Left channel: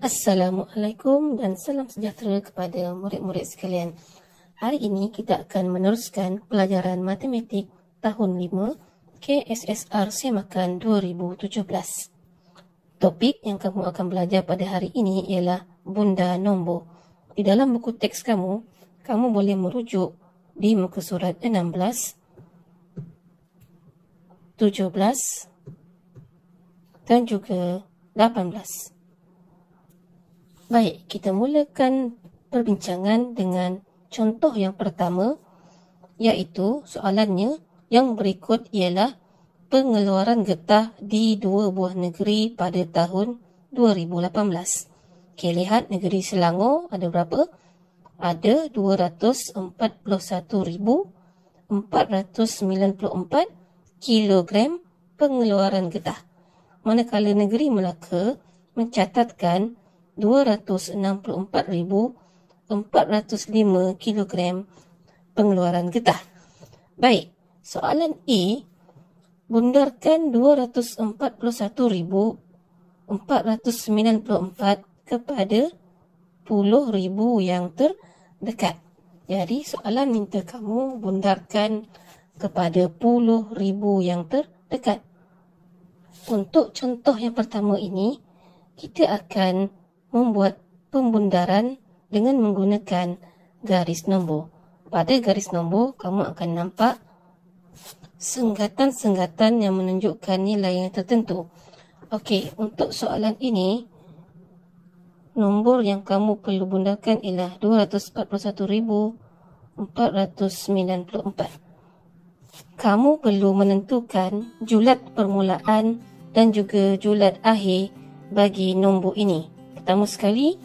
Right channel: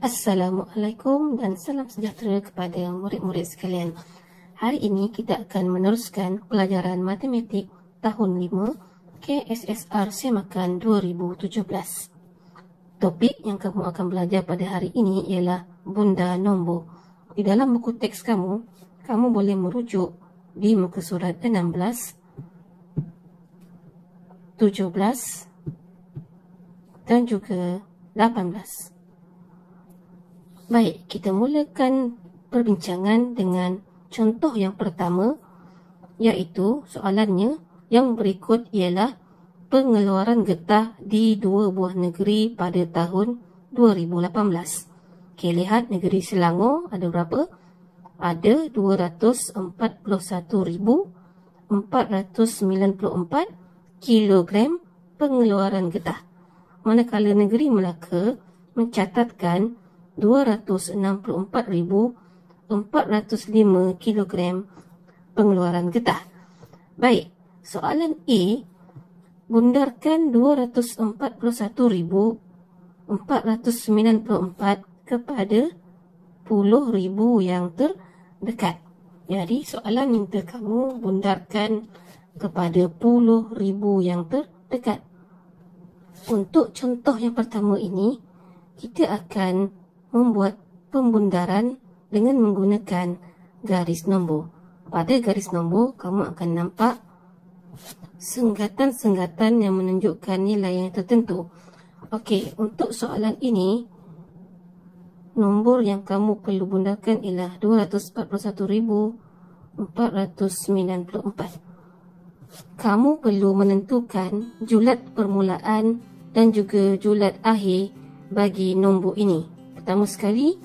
Assalamualaikum dan salam sejahtera kepada murid-murid sekalian. Hari ini kita akan meneruskan pelajaran matematik tahun 5 KSSR Semakan 2017. Topik yang kamu akan belajar pada hari ini ialah bunda nombor. Di dalam buku teks kamu boleh merujuk di muka surat 16, 17 dan juga 18. Baik, kita mulakan perbincangan dengan contoh yang pertama, iaitu soalannya yang berikut ialah pengeluaran getah di dua buah negeri pada tahun 2018. Okey, lihat negeri Selangor ada berapa? Ada 241,494 kilogram pengeluaran getah. Manakala negeri Melaka mencatatkan 264,405 kilogram pengeluaran getah. Baik, soalan A, bundarkan 241,494 kepada puluh ribu yang terdekat. Jadi soalan minta kamu bundarkan kepada puluh ribu yang terdekat. Untuk contoh yang pertama ini, kita akan membuat pembundaran dengan menggunakan garis nombor. Pada garis nombor, kamu akan nampak senggatan-senggatan yang menunjukkan nilai yang tertentu. Okey, untuk soalan ini, nombor yang kamu perlu bundarkan ialah 241,494. Kamu perlu menentukan julat permulaan dan juga julat akhir bagi nombor ini. Pertama sekali,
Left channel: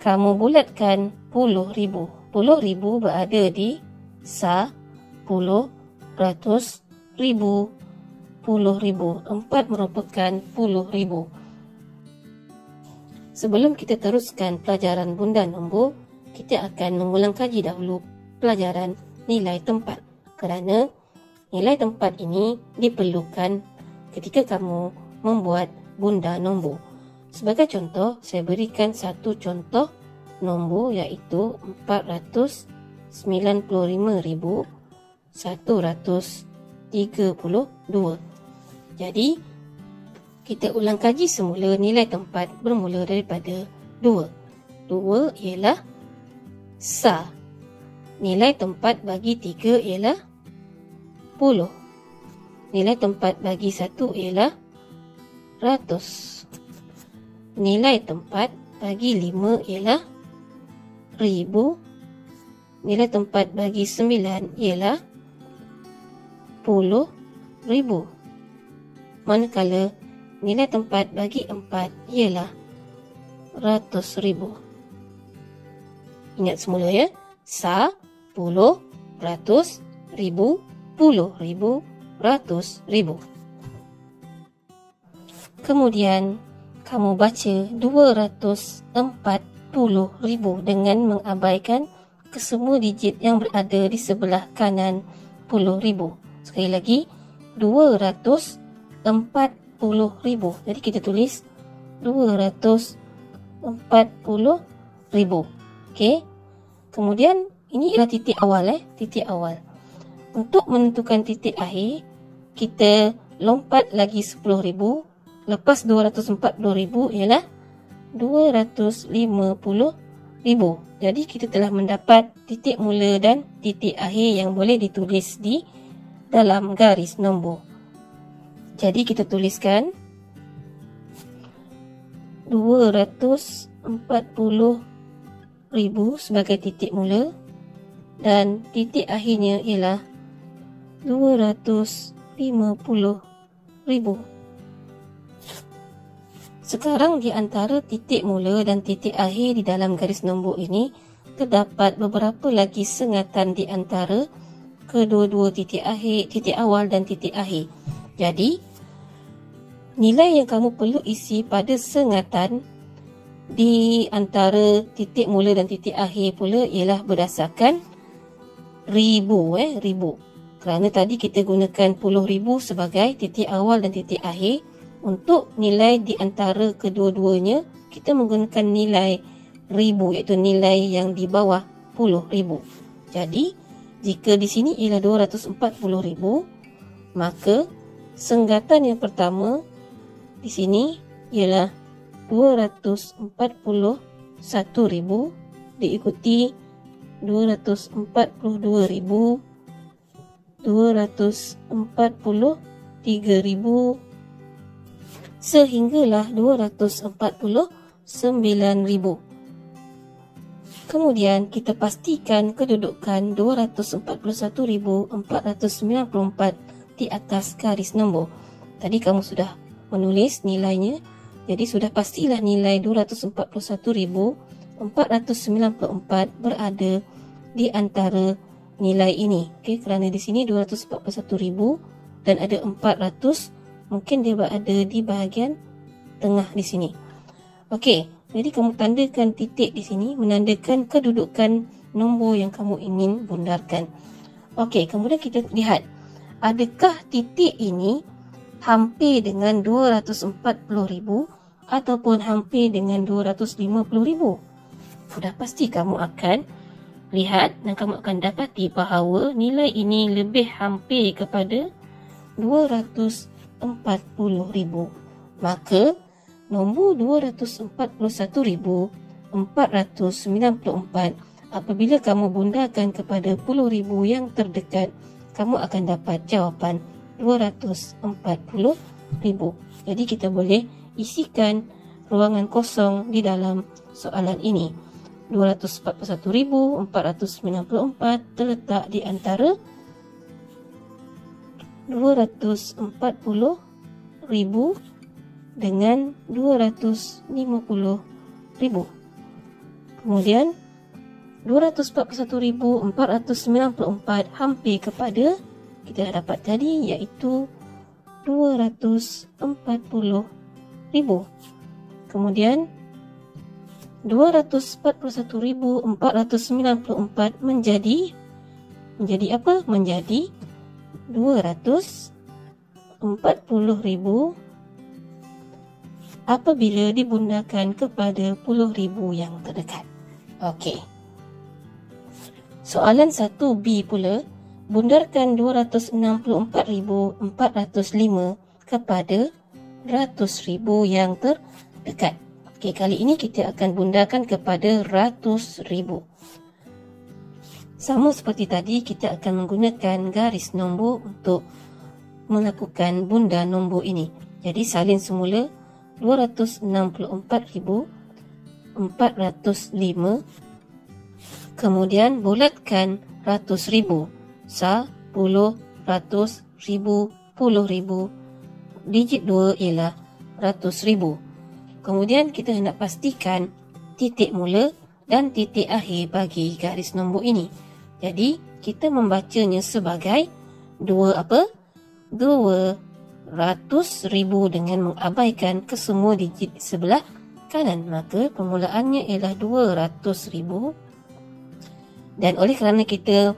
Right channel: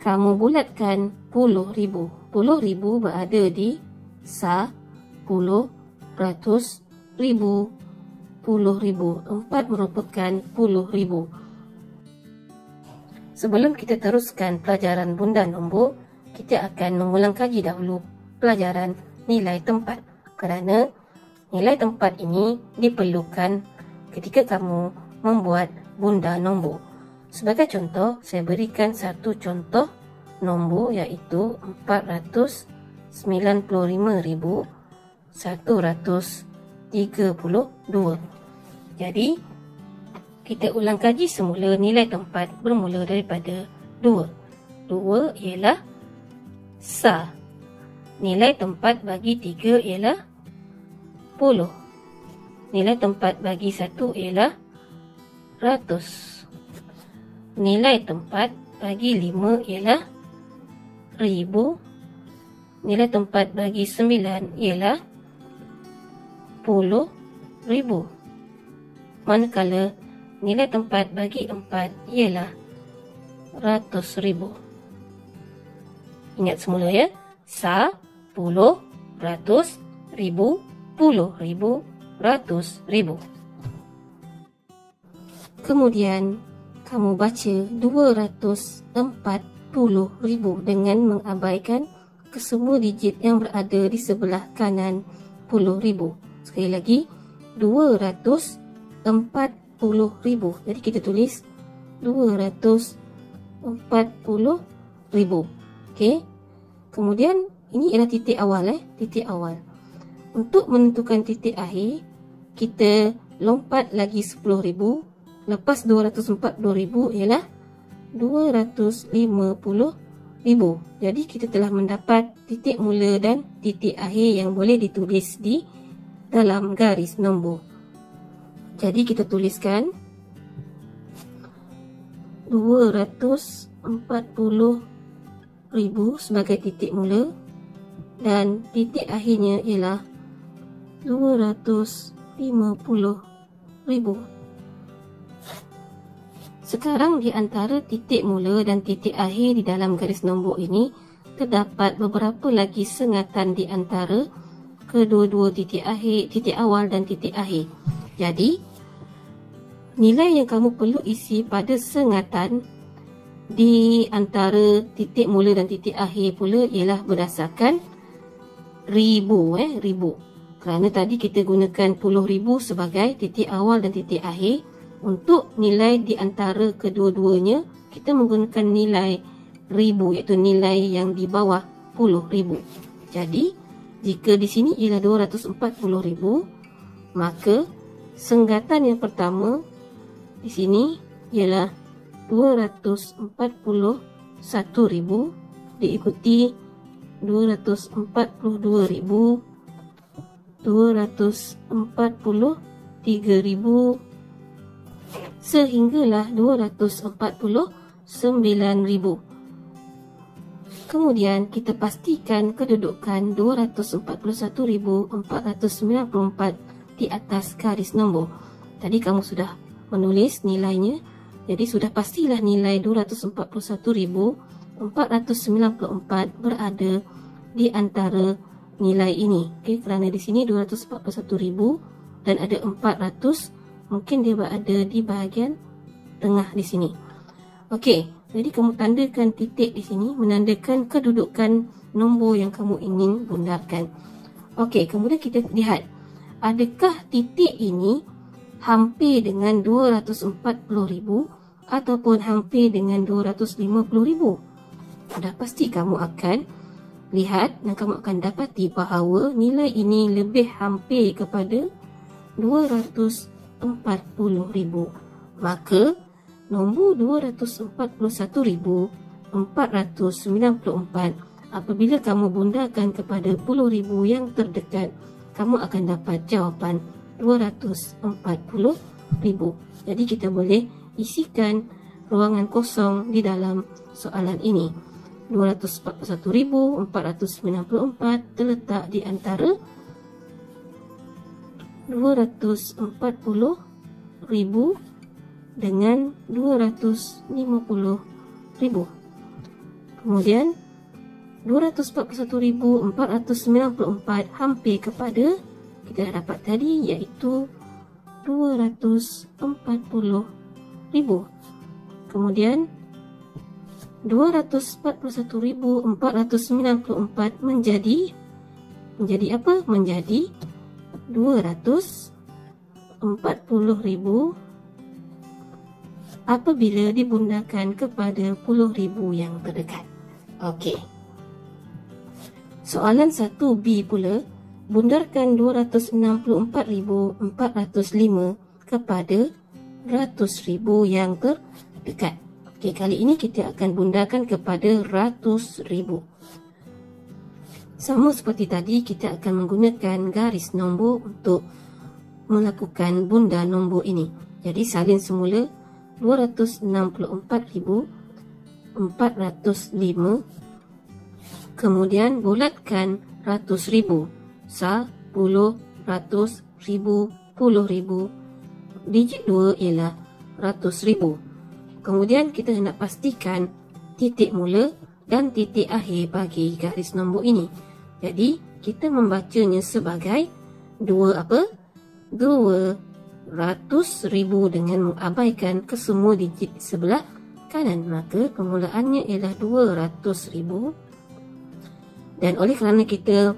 kamu bulatkan puluh ribu. Puluh ribu berada di sa, puluh, ratus, ribu, puluh ribu. 4 merupakan puluh ribu. Sebelum kita teruskan pelajaran bunda nombor, kita akan mengulang kaji dahulu pelajaran nilai tempat. Kerana nilai tempat ini diperlukan ketika kamu membuat bunda nombor. Sebagai contoh, saya berikan satu contoh nombor iaitu 495,132. Jadi, kita ulang kaji semula nilai tempat bermula daripada 2. 2 ialah sa. Nilai tempat bagi 3 ialah 10. Nilai tempat bagi 1 ialah ratus. Nilai tempat bagi 5 ialah ribu. Nilai tempat bagi 9 ialah puluh ribu. Manakala nilai tempat bagi 4 ialah ratus ribu. Ingat semula ya. Sa, puluh, ratus, ribu, puluh ribu, ratus ribu. Kemudian kamu baca 240,000 dengan mengabaikan kesemua digit yang berada di sebelah kanan puluh ribu. Sekali lagi, 240,000. Jadi kita tulis 240,000. Okey. Kemudian ini ialah titik awal titik awal. Untuk menentukan titik akhir, kita lompat lagi 10,000. Lepas 240,000 ialah 250,000. Jadi kita telah mendapat titik mula dan titik akhir yang boleh ditulis di dalam garis nombor. Jadi kita tuliskan 240,000 sebagai titik mula dan titik akhirnya ialah 250,000. Sekarang di antara titik mula dan titik akhir di dalam garis nombor ini, terdapat beberapa lagi sengatan di antara kedua-dua titik akhir, titik awal dan titik akhir. Jadi, nilai yang kamu perlu isi pada sengatan di antara titik mula dan titik akhir pula ialah berdasarkan ribu. Kerana tadi kita gunakan puluh ribu sebagai titik awal dan titik akhir. Untuk nilai di antara kedua-duanya kita menggunakan nilai ribu, iaitu nilai yang di bawah 10,000. Jadi, jika di sini ialah 240,000, maka senggatan yang pertama di sini ialah 241,000 diikuti 242,000, 243,000 sehinggalah 249,000. Kemudian kita pastikan kedudukan 241,494 di atas garis nombor. Tadi kamu sudah menulis nilainya, jadi sudah pastilah nilai 241,494 berada di antara nilai ini. Okey, kerana di sini 241,000 dan ada 400, mungkin dia berada di bahagian tengah di sini. Okey, jadi kamu tandakan titik di sini menandakan kedudukan nombor yang kamu ingin bundarkan. Okey, kemudian kita lihat, adakah titik ini hampir dengan 240,000 ataupun hampir dengan 250,000? Sudah pasti kamu akan lihat dan kamu akan dapati bahawa nilai ini lebih hampir kepada 240,000. Maka nombor 241,494 apabila kamu bundarkan kepada 10,000 yang terdekat, kamu akan dapat jawapan 240,000. Jadi kita boleh isikan ruangan kosong di dalam soalan ini. 241,494 terletak di antara 240,000 dengan 250,000. Kemudian 241,494 hampir kepada kita dapat tadi, iaitu 240,000. Kemudian 241,494 menjadi apa? Menjadi 240,000 apabila dibundarkan kepada 10,000 yang terdekat. Okey. Soalan 1B pula, bundarkan 264,405 kepada 100,000 yang terdekat. Okey, kali ini kita akan bundarkan kepada 100,000. Sama seperti tadi, kita akan menggunakan garis nombor untuk melakukan bundar nombor ini. Jadi salin semula 264,405, kemudian bulatkan 100,000. 10, 100, 1000, 10,000. Digit 2 ialah 100,000. Kemudian kita nak pastikan titik mula dan titik akhir bagi garis nombor ini. Jadi kita membacanya sebagai 200,000 dengan mengabaikan kesemua digit di sebelah kanan. Maka permulaannya ialah 200,000. Dan oleh kerana kita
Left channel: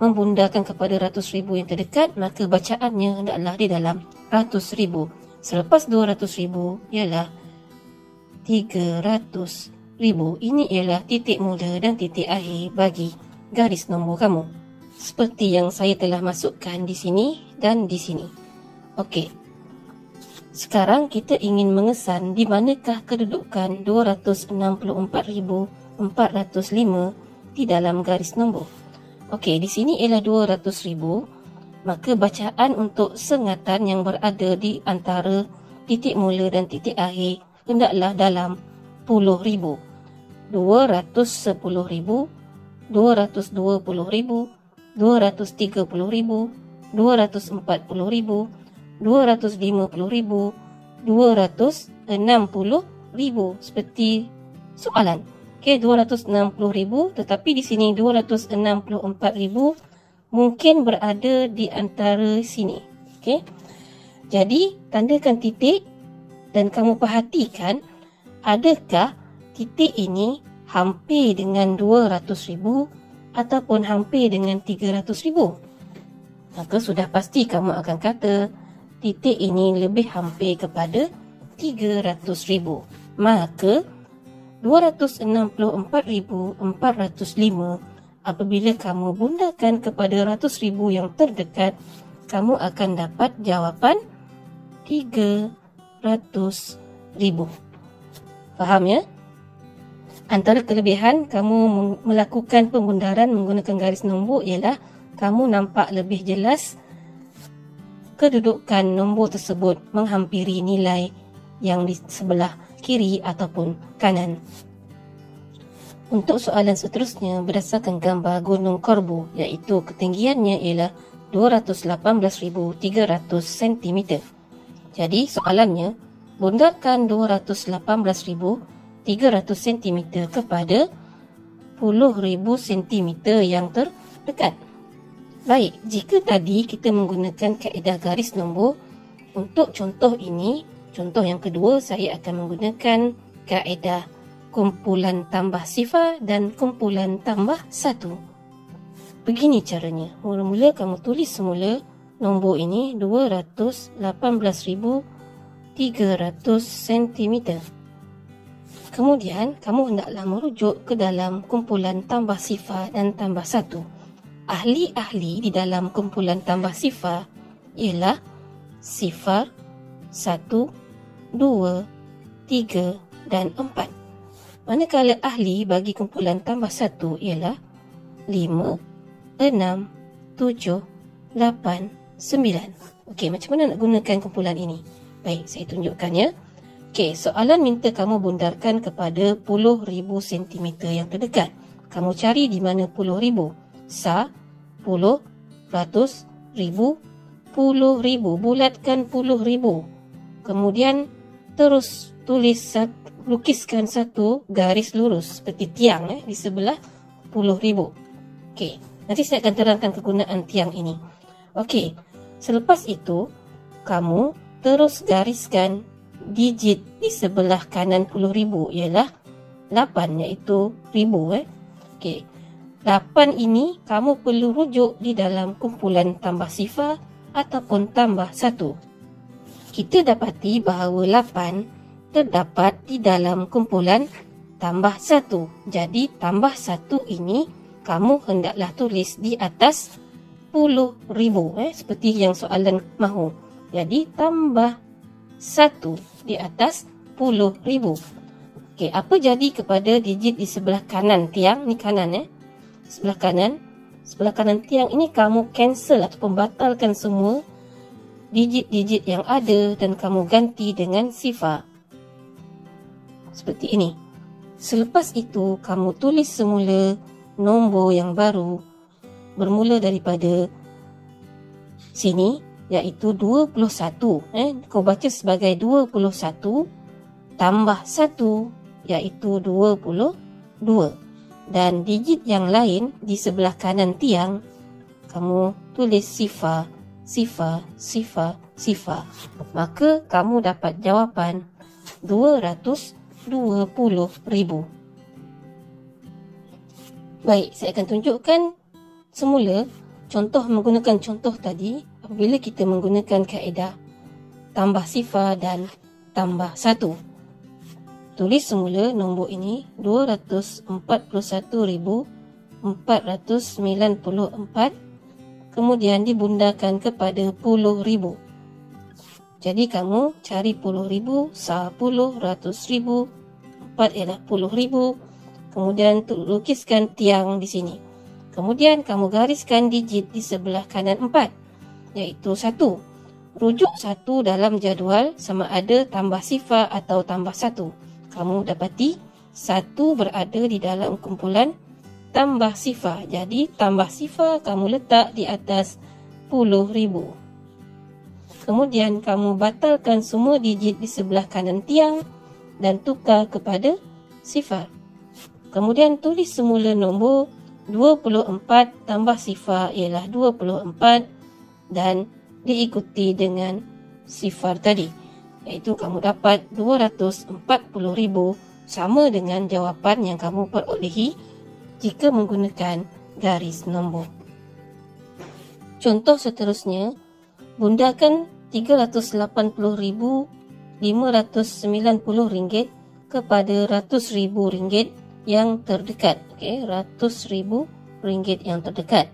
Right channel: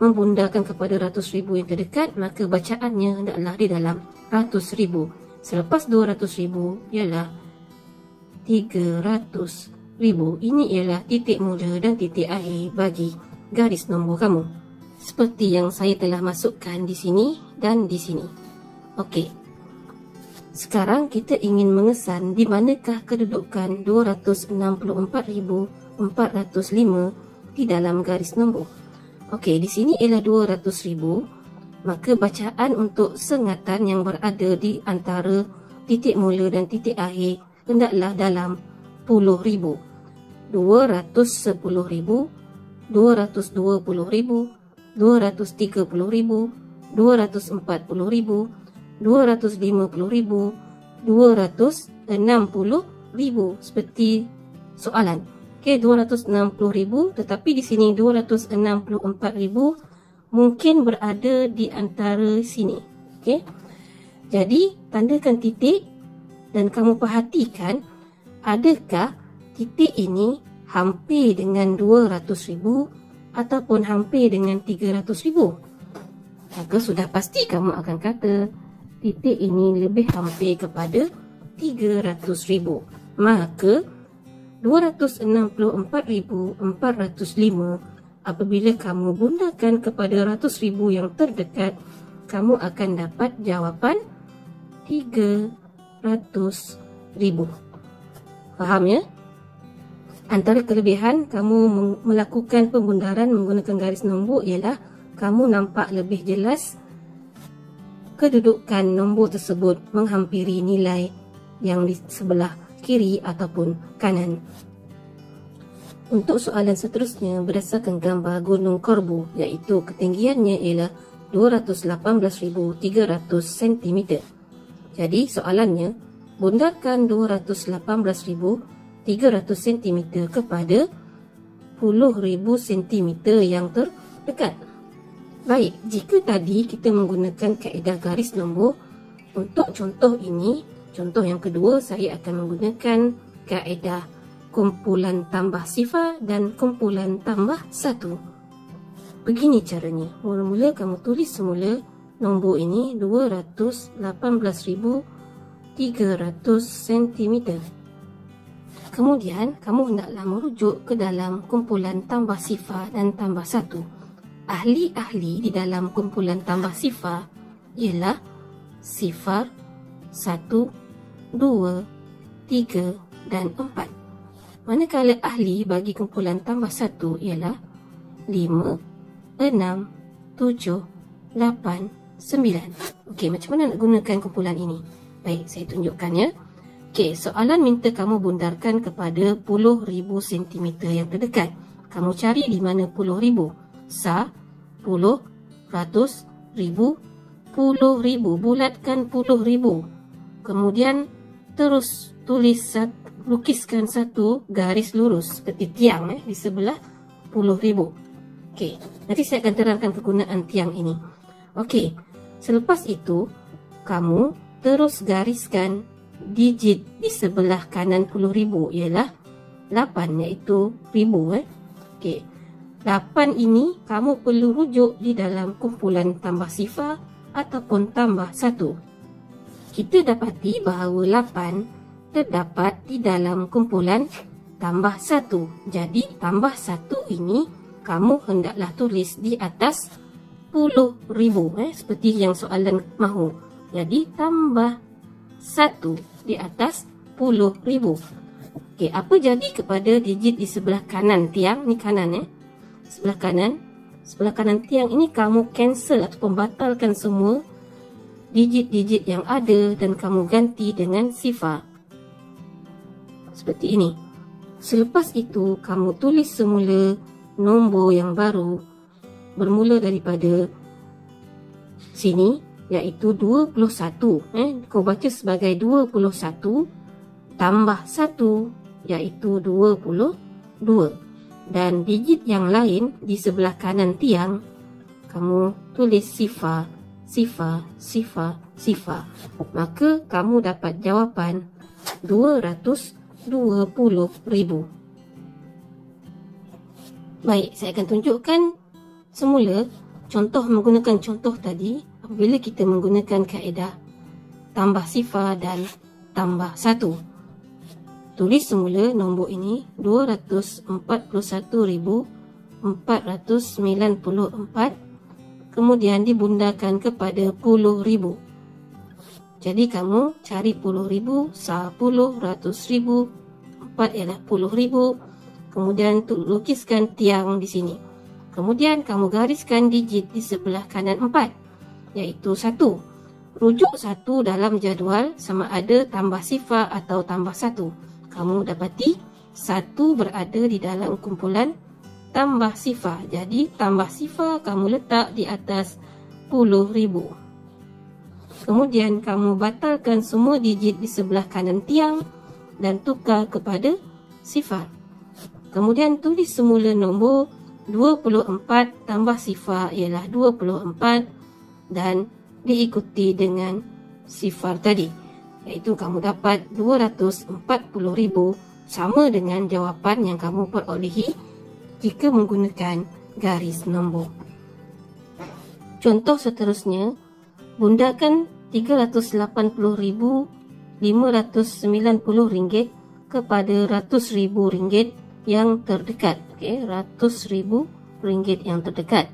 membundarkan kepada 100,000 yang terdekat, maka bacaannya hendaklah di dalam 100,000. Selepas 200,000 ialah 300,000. Ini ialah titik mula dan titik akhir bagi garis nombor kamu. Seperti yang saya telah masukkan di sini dan di sini. Okey. Sekarang kita ingin mengesan di manakah kedudukan 264,405 di dalam garis nombor. Okey, di sini ialah 200,000. Maka bacaan untuk sengatan yang berada di antara titik mula dan titik akhir hendaklah dalam 10,000. 210,000, 220,000, 230,000, 240,000, 250,000, 260,000 seperti soalan. Okey, 260,000, tetapi di sini 264,000 mungkin berada di antara sini. Okey. Jadi, tandakan titik dan kamu perhatikan adakah titik ini hampir dengan 200,000 ataupun hampir dengan 300,000. Maka sudah pasti kamu akan kata titik ini lebih hampir kepada 300,000. Maka 264,405 apabila kamu bundakan kepada ratus ribu yang terdekat, kamu akan dapat jawapan 300,000. Faham ya? Antara kelebihan kamu melakukan pembundaran menggunakan garis nombor ialah kamu nampak lebih jelas kedudukan nombor tersebut menghampiri nilai yang di sebelah kiri ataupun kanan. Untuk soalan seterusnya berdasarkan gambar Gunung Korbo, iaitu ketinggiannya ialah 218,300 cm. Jadi soalannya, bundarkan 218,300 cm kepada 10,000 cm yang terdekat. Baik, jika tadi kita menggunakan kaedah garis nombor, untuk contoh ini, contoh yang kedua, saya akan menggunakan kaedah kumpulan tambah sifar dan kumpulan tambah satu. Begini caranya. Mula-mula kamu tulis semula nombor ini 218,300 cm. Kemudian, kamu hendaklah merujuk ke dalam kumpulan tambah sifar dan tambah satu. Ahli-ahli di dalam kumpulan tambah sifar ialah sifar, 1, 2, 3 dan 4. Manakala ahli bagi kumpulan tambah satu ialah 5, 6, 7, 8, 9. Okey, macam mana nak gunakan kumpulan ini? Baik, saya tunjukkan ya. Okey, soalan minta kamu bundarkan kepada 10,000 cm yang terdekat. Kamu cari di mana 10,000? Sa, 10, ratus, ribu, 10,000. Bulatkan 10,000. Kemudian terus lukiskan satu garis lurus seperti tiang di sebelah 10,000. Okey, nanti saya akan terangkan kegunaan tiang ini. Okey, selepas itu kamu terus gariskan digit di sebelah kanan 10,000 ialah 8, iaitu ribu. Okey, 8 ini kamu perlu rujuk di dalam kumpulan tambah sifar ataupun tambah satu. Kita dapati bahawa 8 terdapat di dalam kumpulan tambah satu. Jadi tambah satu ini kamu hendaklah tulis di atas 10,000 seperti yang soalan mahu. Jadi tambah satu di atas 10,000. Okey, apa jadi kepada digit di sebelah kanan tiang ni kanan sebelah kanan tiang ini kamu cancel atau pembatalkan semua digit-digit yang ada dan kamu ganti dengan sifar. Seperti ini. Selepas itu kamu tulis semula nombor yang baru bermula daripada sini, iaitu 21. Kau baca sebagai 21 tambah 1, iaitu 22. Dan digit yang lain di sebelah kanan tiang, kamu tulis sifar, sifar, sifar, sifar. Maka kamu dapat jawapan 220,000. Baik, saya akan tunjukkan semula contoh menggunakan contoh tadi apabila kita menggunakan kaedah tambah sifar dan tambah satu. Tulis semula nombor ini 241,494, kemudian dibundakan kepada 10,000. Jadi kamu cari 10,000, sah 10, ratus ribu, 4 ialah 10,000. Kemudian lukiskan tiang di sini. Kemudian kamu gariskan digit di sebelah kanan 4, iaitu 1. Rujuk 1 dalam jadual sama ada tambah sifar atau tambah 1. Kamu dapati 1 berada di dalam kumpulan tambah sifar. Jadi tambah sifar kamu letak di atas 10,000. Kemudian kamu batalkan semua digit di sebelah kanan tiang dan tukar kepada sifar. Kemudian tulis semula nombor 24 tambah sifar ialah 24 dan diikuti dengan sifar tadi. Iaitu kamu dapat 240,000, sama dengan jawapan yang kamu perolehi jika menggunakan garis nombor. Contoh seterusnya, bundakan RM380,590 kepada RM100,000 yang terdekat. Okey, RM100,000 yang terdekat.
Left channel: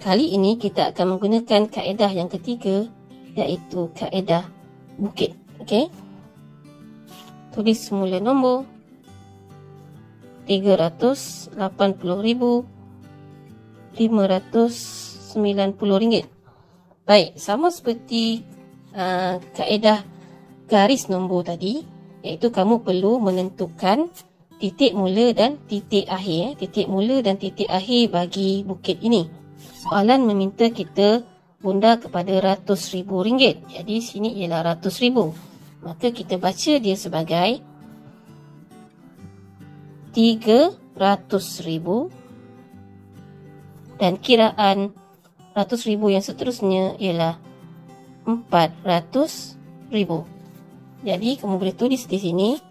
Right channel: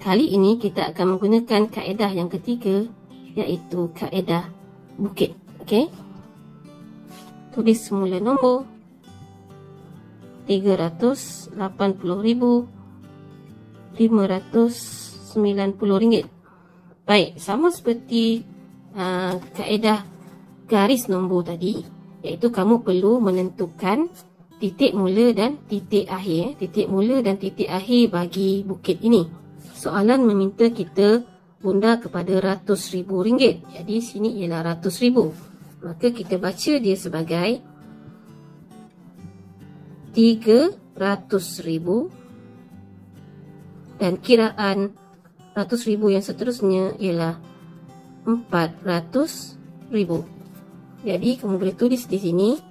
Kali ini kita akan menggunakan kaedah yang ketiga, iaitu kaedah bukit. Okey. Tulis semula nombor RM380,590. Baik, sama seperti kaedah garis nombor tadi, iaitu kamu perlu menentukan titik mula dan titik akhir. Titik mula dan titik akhir bagi bukit ini. Soalan meminta kita bunda kepada RM100,000. Jadi sini ialah RM100,000. Maka kita baca dia sebagai RM300,000 dan kiraan RM100,000 yang seterusnya ialah RM400,000. Jadi kamu boleh tulis di sini.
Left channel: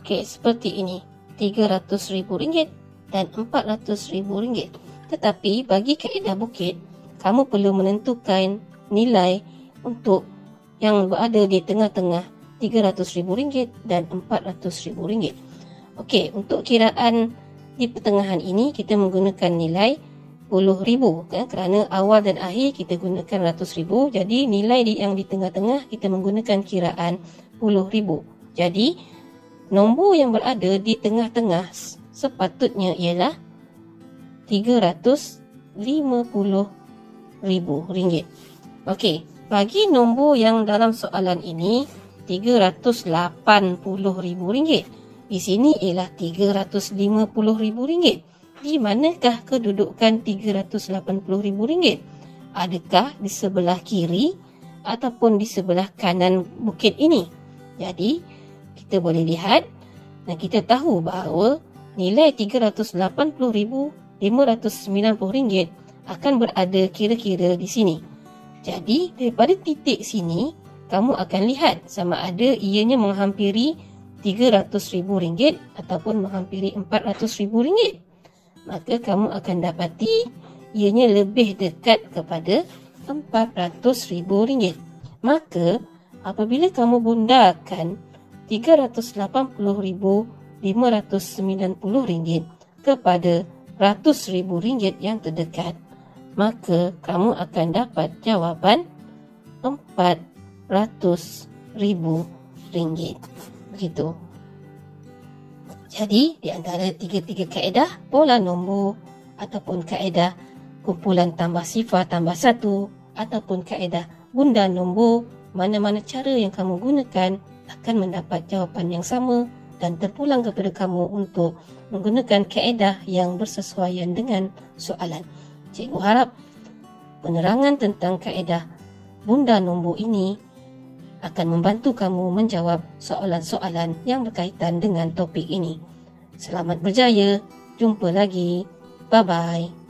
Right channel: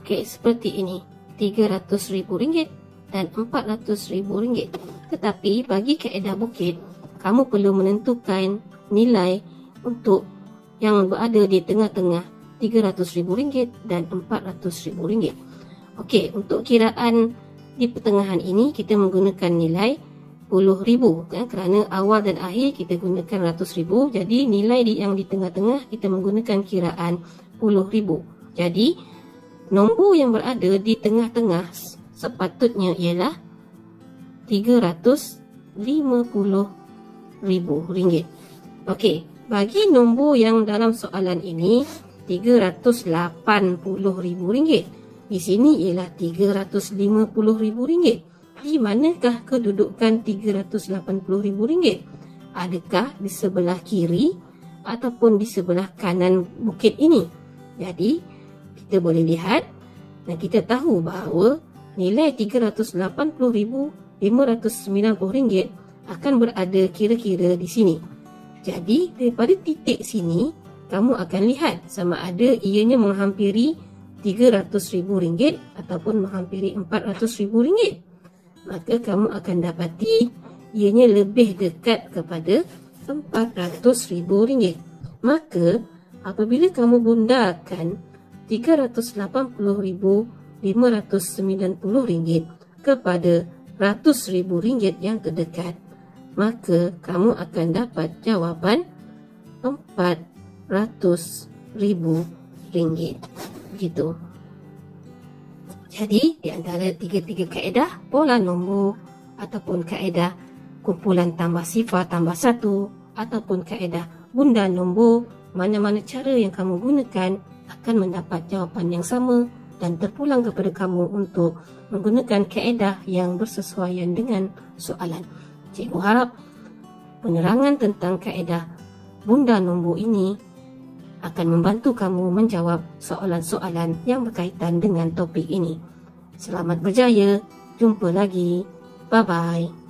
Okey, seperti ini. RM300,000 dan RM400,000. Tetapi bagi kaedah bukit, kamu perlu menentukan nilai untuk yang berada di tengah-tengah RM300,000 dan RM400,000. Okey, untuk kiraan di pertengahan ini kita menggunakan nilai RM10,000 kan, kerana awal dan akhir kita gunakan RM100,000. Jadi nilai yang di tengah-tengah kita menggunakan kiraan RM10,000. Jadi nombor yang berada di tengah-tengah sepatutnya ialah RM350,000. Okey, bagi nombor yang dalam soalan ini RM380,000. Di sini ialah RM350,000. Di manakah kedudukan RM380,000? Adakah di sebelah kiri ataupun di sebelah kanan bukit ini? Jadi kita boleh lihat dan kita tahu bahawa nilai RM380,590 akan berada kira-kira di sini. Jadi daripada titik sini kamu akan lihat sama ada ianya menghampiri RM300,000 ataupun menghampiri RM400,000. Maka kamu akan dapati ianya lebih dekat kepada RM400,000. Maka apabila kamu bundakan RM380,590 kepada RM100,000 yang terdekat, maka kamu akan dapat jawapan RM400,000. Begitu. Jadi di antara tiga-tiga kaedah pola nombor ataupun kaedah kumpulan tambah sifar tambah 1 ataupun kaedah bunda nombor, mana-mana cara yang kamu gunakan akan mendapat jawapan yang sama dan terpulang kepada kamu untuk menggunakan kaedah yang bersesuaian dengan soalan. Cikgu harap penerangan tentang kaedah bunda nombor ini akan membantu kamu menjawab soalan-soalan yang berkaitan dengan topik ini. Selamat berjaya. Jumpa lagi. Bye-bye.